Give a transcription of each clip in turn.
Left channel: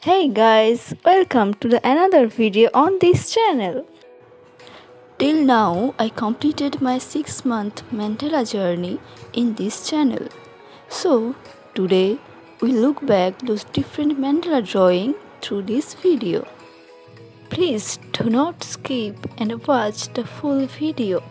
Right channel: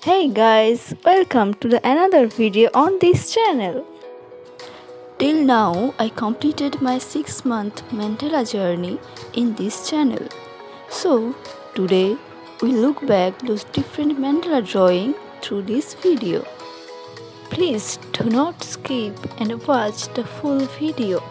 Hey guys, welcome to another video on this channel. Till now, I completed my 6-month Mandala journey in this channel. So, today we look back those different Mandala drawing through this video. Please do not skip and watch the full video.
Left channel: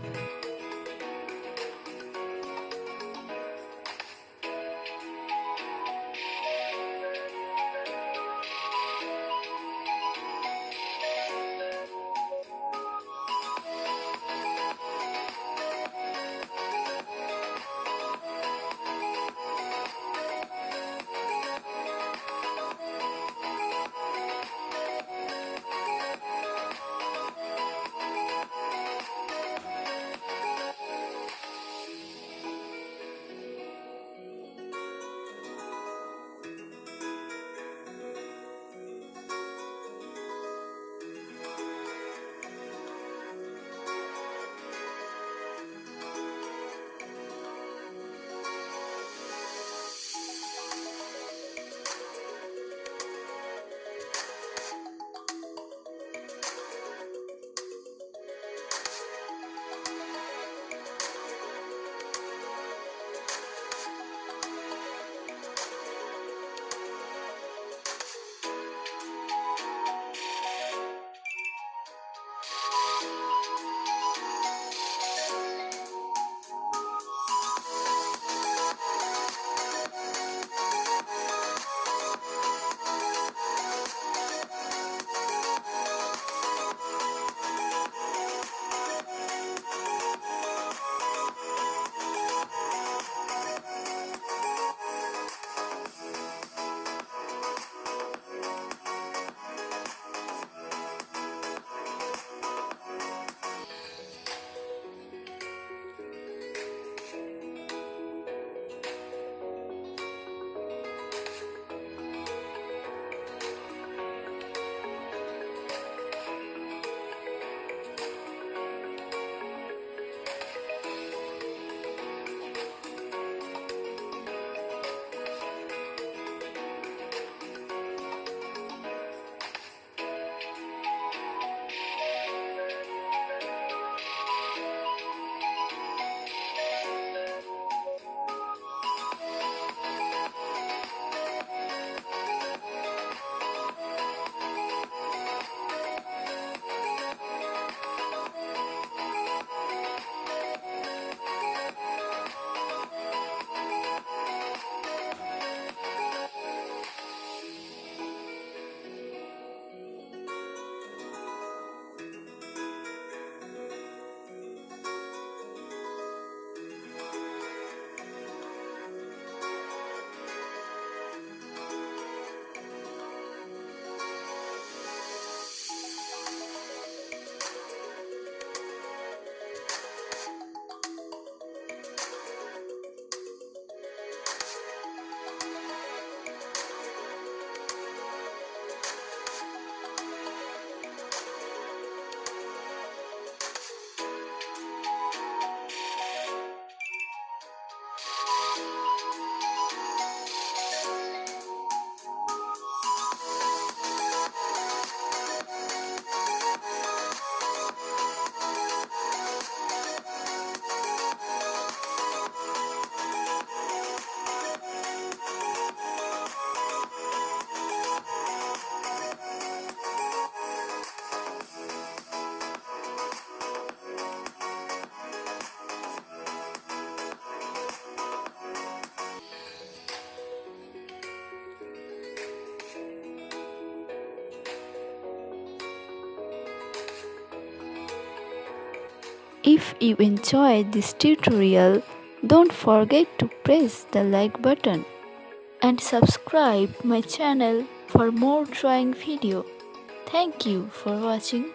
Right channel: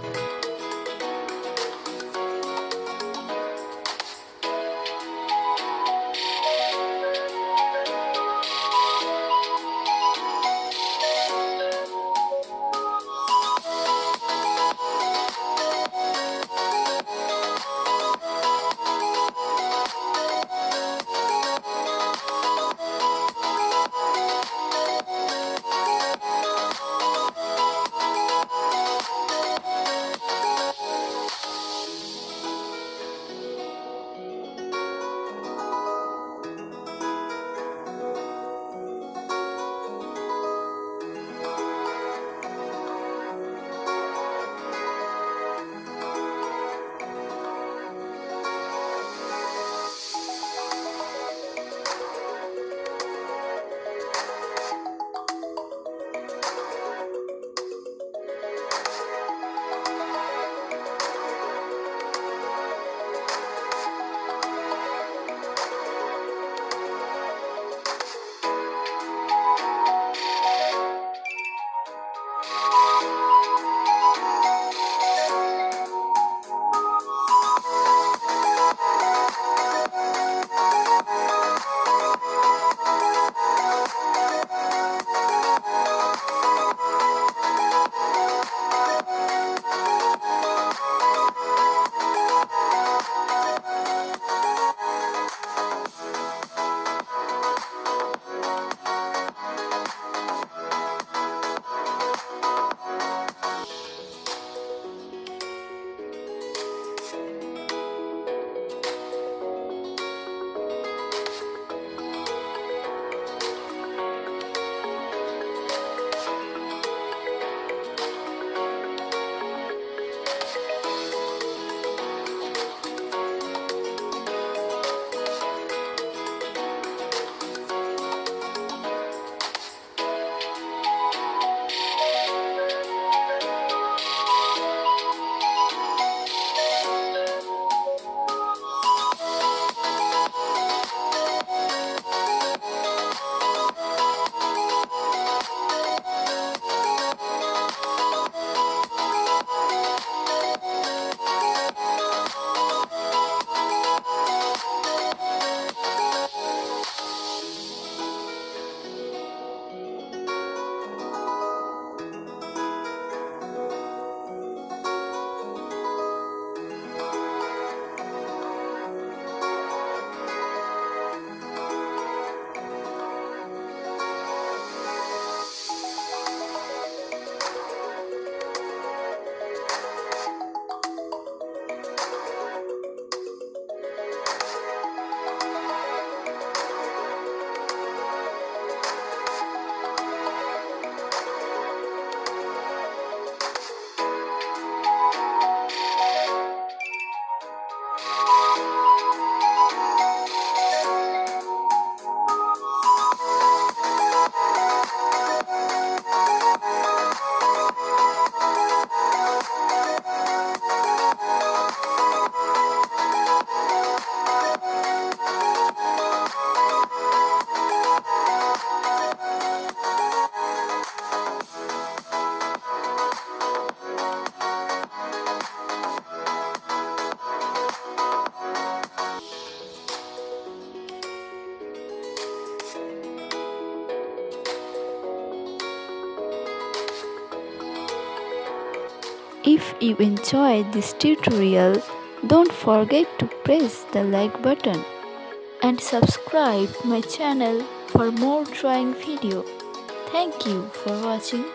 If you enjoyed this tutorial, don't forget to press the like button and subscribe my channel for more drawing video. Thank you for watching.